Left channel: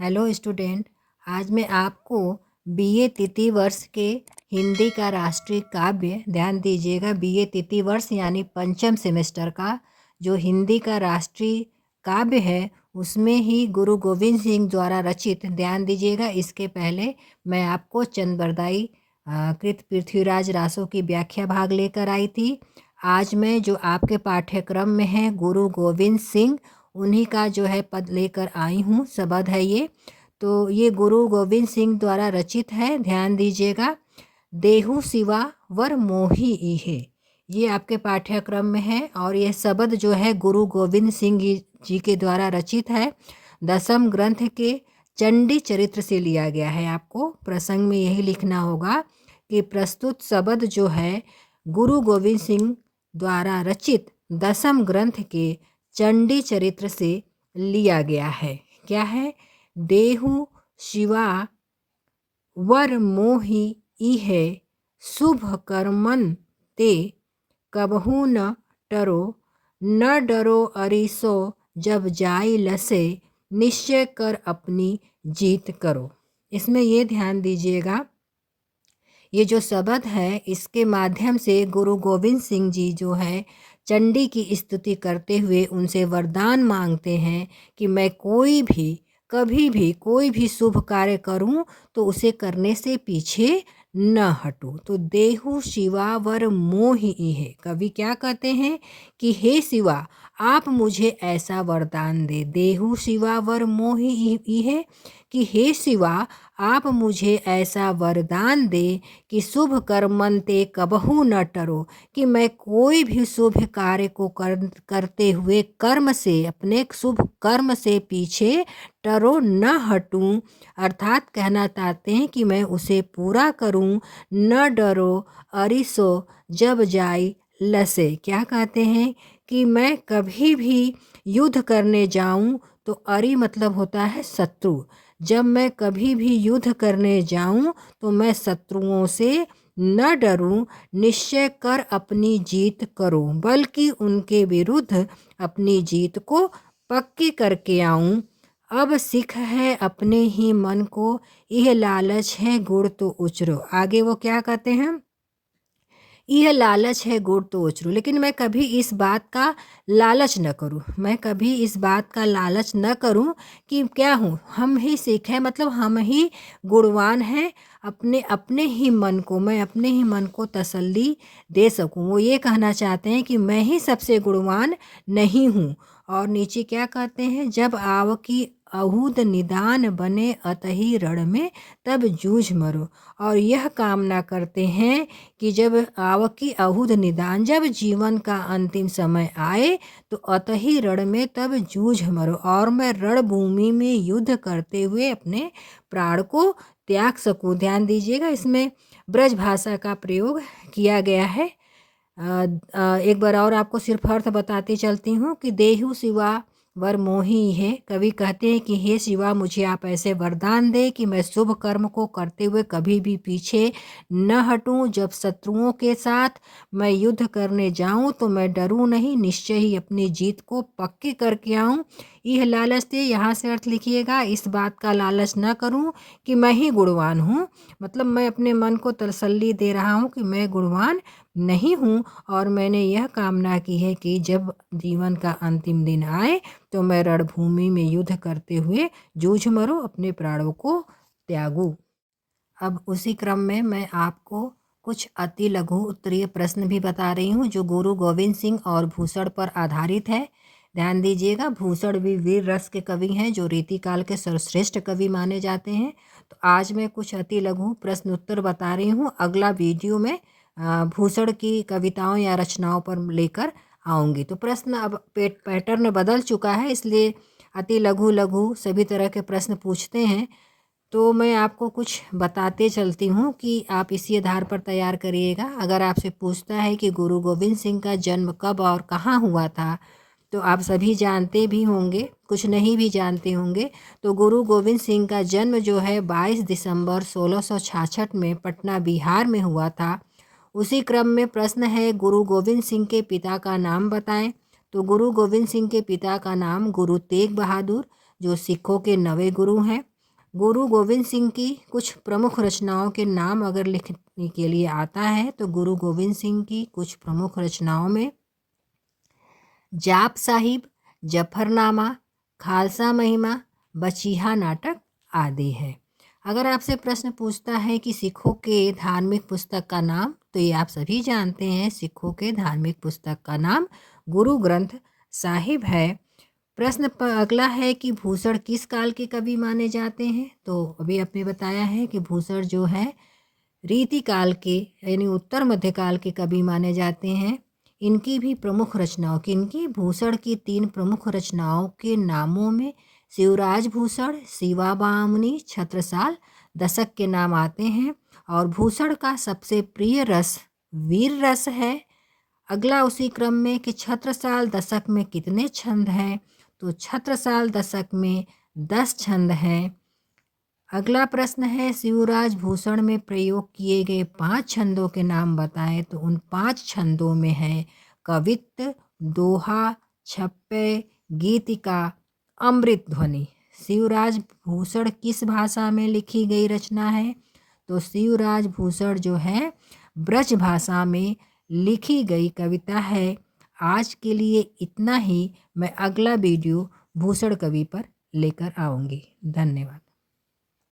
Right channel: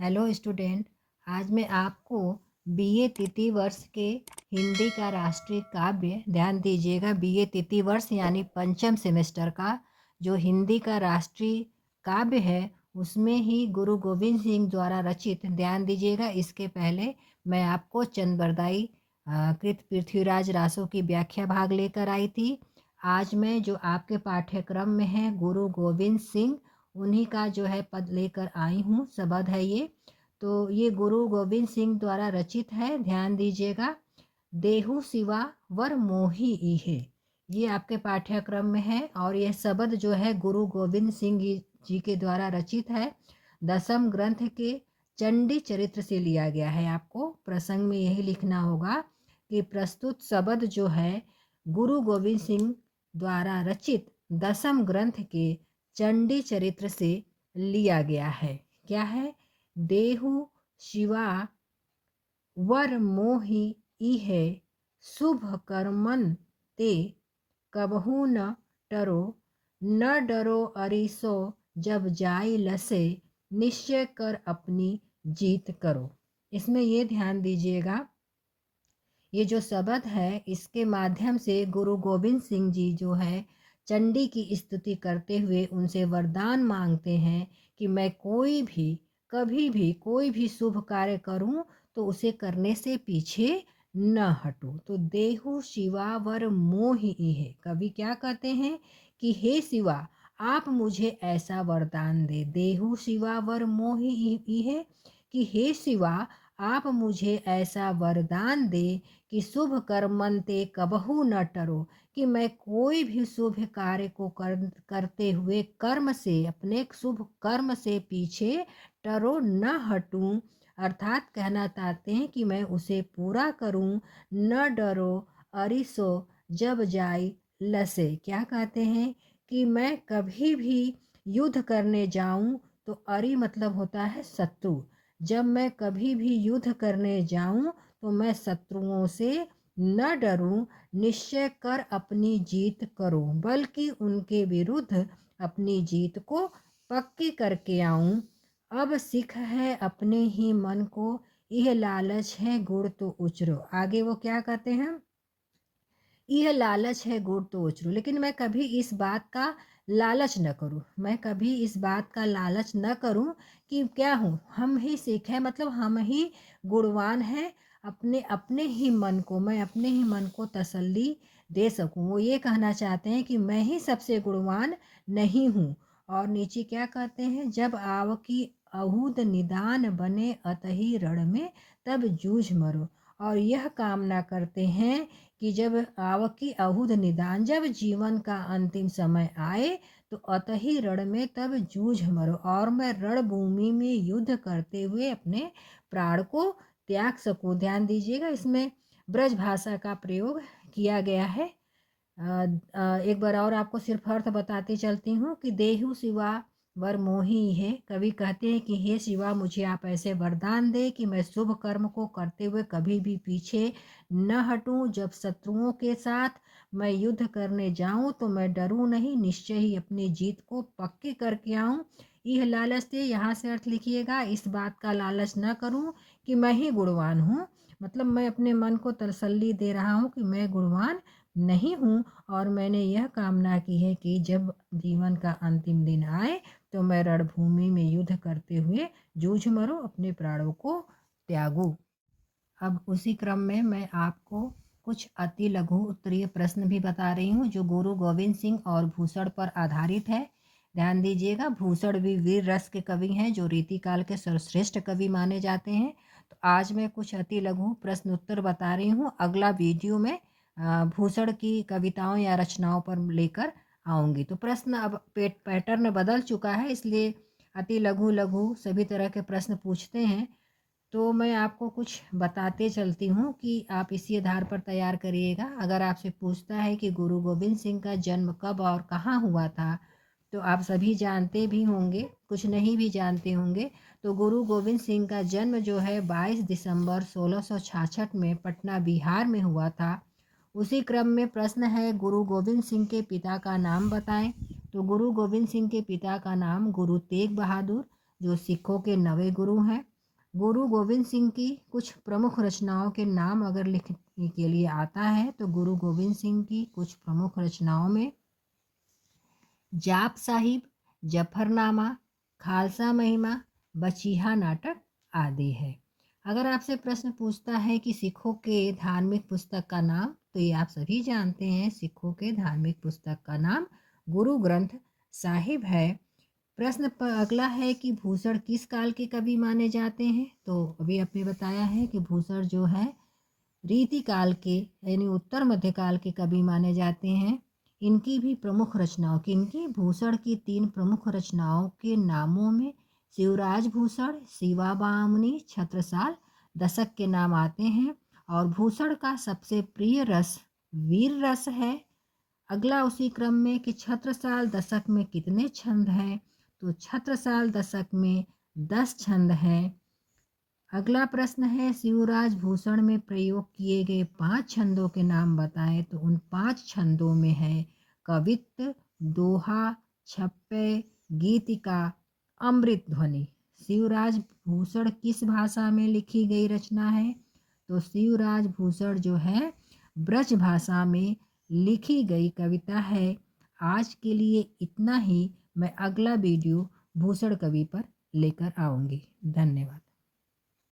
Hello student. आज मैं आपको बीए तृतीय वर्ष के हिंदी का राष्ट्रीय काव्य, ध्यान दीजिएगा, बीए तृतीय वर्ष यानी पंचम सेमेस्टर का जो हिंदी का राष्ट्रीय काव्य है उसमें ही गुरु गोविंद सिंह द्वारा रचित, ध्यान दीजिएगा, इसके पहले मैं आपको चंद कृत पृथ्वीराज रासो की व्याख्या भाग लेकर आई थी। आज मैं जो आपके पाठ्यक्रम में है गुरु गोविंद सिंह उन्हीं का जो है पद लेकर आई हूँ, शब्द है ये। तो ये गुरु गोविंद सिंह द्वारा रचित है, ध्यान दीजिएगा। देहु शिवा वर मोही इहे, ये आपके पाठ्यक्रम में है और ये शब्द जो है गुरु गोविंद सिंह जी के द्वारा रचित है। दसम ग्रंथ के चंडी चरित्र से लिया गया है। आपको प्रसंग में यही लिखना होगा कि प्रस्तुत शब्द जो है गुरु गोविंद सिंह द्वारा रचित दसम ग्रंथ के चंडी चरित्र से लिया गया है। क्या है? देहु शिवा वर मोहि इहे, शुभ कर्मन ते कबहू न टरो, न डरो अरिसो जब जाई लसे, निश्चय कर अपनी जीत करो। इसमें ये ध्यान दीजिएगा, ये जो शब्द है इसके माध्यम से गुरु गोविंद सिंह जी जो है चंडी की स्तुति करते हुए उनसे वरदान मांगते हैं कि मैं कोई भी कभी भी कोई भी शुभ कार्य करूं तो उसे करने से पीछे न हटूं। तो देहु शिवा वर मोहि इहे, कवि क्या कहते हैं कि हे शिवा आप मुझे ऐसा वरदान दे। देहु शिवा वर मोहि इहे, कि हे शिवा आप मुझे ऐसा वरदान दे कि शुभ कर्मन ते कबहू न टरो, कि मैं कोई भी शुभ कार्य को करते हुए कर्म से, अपने शुभ कर्म से पीछे टरो न हटूं। अर्थात कहना चाहते हैं कि मैं उसे पूरा करूं। न डरो अरिसो जब जाई लसे, क्या कहते हैं कि मैं कभी भी युद्ध करने जाऊं तो अरि मतलब होता है शत्रु। जब मैं कभी भी युद्ध करने जाऊं तो मैं शत्रुओं से न डरूं, निश्चय कर अपनी जीत करूं, बल्कि उनके विरुद्ध अपनी जीत को पक्की करके आऊं। अब सिख है अपने ही मन को, यह लालच है गुड़ तो उचरो। आगे वो क्या कहते हैं, यह लालच है गुड़ तो उचरू, लेकिन मैं कभी इस बात का लालच न करूं। मैं कभी इस बात का लालच न करूं कि क्या हूँ, हम ही सिख हैं, मतलब हम ही गुणवान हैं। अपने अपने ही मन को, मैं अपने ही मन को तसल्ली दे सकूं। वो ये कहना चाहते हैं कि मैं ही सबसे गुणवान नहीं हूँ। और नीचे क्या कहते हैं, जब आव की अहूद निदान बने अतही रण में तब जूझ मरो। और यह कामना करते हैं कि जब आवकी अहुद निदान, जब जीवन का अंतिम समय आए तो अतही रण में तब जूझ मरो, और मैं रणभूमि में युद्ध करते हुए अपने प्राण को त्याग सकूं। ध्यान दीजिएगा, इसमें ब्रज भाषा का प्रयोग किया गया है। एक बार और आपको सिर्फ अर्थ बताते चलती हूँ कि देहु शिवा वर मोही है। कवि कहते हैं कि हे शिवा मुझे आप ऐसे वरदान दे कि मैं शुभ कर्म को करते हुए कभी भी पीछे न हटूं। जब शत्रुओं के साथ मैं युद्ध करने जाऊं तो मैं डरूं नहीं, निश्चय ही अपनी जीत को पक्की करके आऊं। यह लालच थे, यहाँ से अर्थ लिखिएगा, इस बात का लालच न करूं कि मैं ही गुणवान हूँ, मतलब मैं अपने मन को तसल्ली दे रहा हूँ कि मैं गुणवान नहीं हूँ। और मैंने यह कामना की है कि जब जीवन का अंतिम दिन आए तो मैं रणभूमि में युद्ध करते हुए जूझ मरूं, अपने प्राणों को त्यागूं। अब उसी क्रम में मैं आपको कुछ अति लघु उत्तरीय प्रश्न भी बता रही हूँ जो गुरु गोविंद सिंह और भूषण पर आधारित है। ध्यान दीजिएगा, भूषण भी वीर रस के कवि हैं जो रीतिकाल के सर्वश्रेष्ठ कवि माने जाते हैं। तो आज मैं कुछ अति लघु प्रश्न उत्तर बता रही हूँ। अगला वीडियो में भूषण की कविताओं या रचनाओं पर लेकर आऊँगी। तो प्रश्न अब पैटर्न बदल चुका है, इसलिए अति लघु लघु सभी तरह के प्रश्न पूछते हैं। तो मैं आपको कुछ बताते चलती हूँ कि आप इसी आधार पर तैयार करिएगा। अगर आपसे पूछता है कि गुरु गोविंद सिंह का जन्म कब और कहाँ हुआ था, तो आप सभी जानते भी होंगे, कुछ नहीं भी जानते होंगे। तो गुरु गोविंद सिंह का जन्म जो है 22 दिसंबर 1666 में पटना बिहार में हुआ था। उसी क्रम में प्रश्न है, गुरु गोविंद सिंह के पिता का नाम बताएं। तो गुरु गोविंद सिंह के पिता का नाम गुरु तेग बहादुर, जो सिखों के 9वें गुरु हैं। गुरु गोविंद सिंह की कुछ प्रमुख रचनाओं के नाम अगर लिखने के लिए आता है तो गुरु गोविंद सिंह की कुछ प्रमुख रचनाओं में जाप साहिब, जफरनामा, खालसा महिमा, बचीहा नाटक आदि है। अगर आपसे प्रश्न पूछता है कि सिखों के धार्मिक पुस्तक का नाम, तो ये आप सभी जानते हैं, सिखों के धार्मिक पुस्तक का नाम गुरु ग्रंथ साहिब है। प्रश्न अगला है कि भूषण किस काल के कवि माने जाते हैं, तो अभी आपने बताया है कि भूषण जो है रीति काल के यानी उत्तर मध्यकाल के कवि माने जाते हैं। इनकी भी प्रमुख रचनाओं की इनकी भूषण की 3 प्रमुख रचनाओं के नामों में शिवराज भूषण, शिवाबामनी, छत्रसाल दशक के नाम आते हैं। और भूषण का सबसे प्रिय रस वीर रस है। अगला उसी क्रम में कि छत्रसाल दशक में कितने छंद हैं, तो छत्रसाल दशक में 10 छंद हैं। अगला प्रश्न है शिवराज भूषण में प्रयोग किए गए 5 छंदों के नाम बताएं, तो उन 5 छंदों में है कवित्त, दोहा, छप्पय, गीतिका, अमृत ध्वनि। शिवराज भूषण किस भाषा में लिखी गई रचना है, तो शिवराज भूषण जो है ब्रज भाषा में लिखी गई कविता है। आज के लिए इतना ही। मैं अगला वीडियो भूषण कवि पर लेकर आऊँगी। धन्यवाद।